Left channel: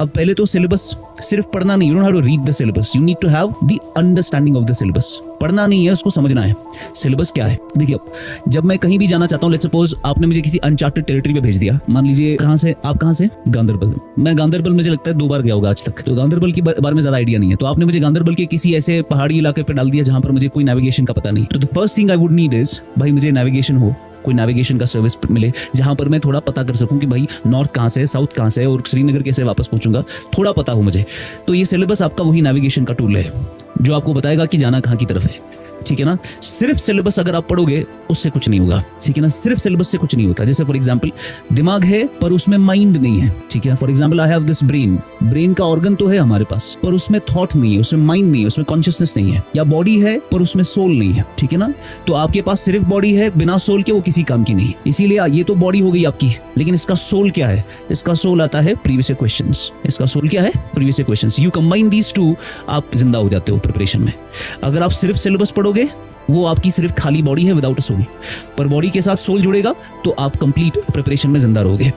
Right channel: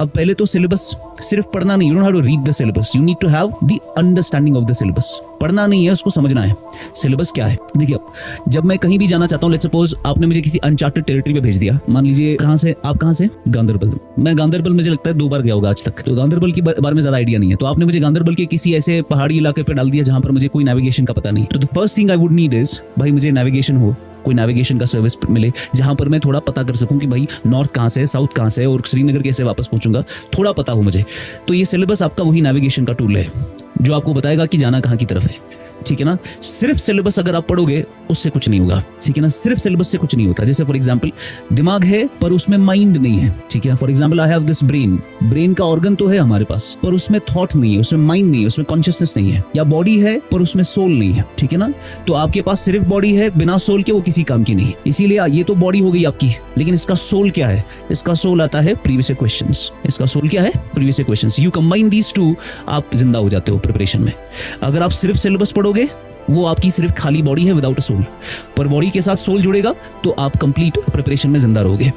अब पहले तो सिलेबस सिर्फ पढ़ना नहीं, you don't have to read the syllabus, you need to have the understanding of the syllabus. पढ़ना नहीं है, उसको समझना है सिलेबस क्या है। देखिए, जब मैं कहीं भी जाना चाहता हूँ, लेट्स सपोज आपने मुझे किसी अनचार्टेड टेरिटरी पे भेज दिया, मान लीजिए कहाँ से, आप कहाँ से, गांदरबल। मैं गांदरबल मुझे लगता है 2 बार गया होगा आज तक, तो गांदरबल के बारे में ज्यादा आइडिया नहीं है। तो आपने मुझे गांदरबल के किसी ऐसे पहाड़ी इलाके पे डाल दिया जहां पर मुझे कोई नेविगेशन का पता नहीं। तो the first thing I would need is, भाई मुझे नेविगेशन हो, कोई नेविगेशन का सर्विस मिले जहां पर मैं थोड़ा पता कर सकूं कि भाई नॉर्थ कहां से है, साउथ कहां से है और श्रीनगर कैसे वापस पहुंचूंगा, थोड़ा पता हो मुझे। तो ये सिलेबस आपका वही नेविगेशन का टूल है जो आपको बताएगा कि जाना कहां की तरफ है। ठीक है ना, सिर्फ सिलेबस अगर आप पढ़ोगे उससे कुछ नहीं होगा। ठीक है ना, सिर्फ सिलेबस से कुछ नहीं होता। जैसे फॉर एग्जांपल दिमाग है पर उसमें माइंड नहीं है। ठीक है, for example I have this brain, brain का ऑर्गन तो है हमारे पास पर उसमें थॉट नहीं है, उसमें माइंड नहीं है, उसमें कॉन्शियसनेस नहीं है। या बॉडी है पर उसमें सोल नहीं है। ठीक है ना, तो आपके पास सिर्फ बॉडी है, बिना सोल के वो किसी काम की नहीं। इसीलिए ये तो बॉडी हो गई आपकी, लेकिन इसका सोल क्या है? इसका सोल आता है प्रीवियस क्वेश्चंस। इसका सोल क्या है? Previous questions. You combine these two, आप जिंदा हो जाते हो प्रिपरेशन में। अगर आप सिर्फ सिलेबस पढ़ोगे, वो आपकी सिर्फ खाली बॉडी है विदाउट सोल, पर बॉडी के साथ सोल जुड़ेगा तो आप कंप्लीट प्रिपरेशन में जिंदा रहोगे।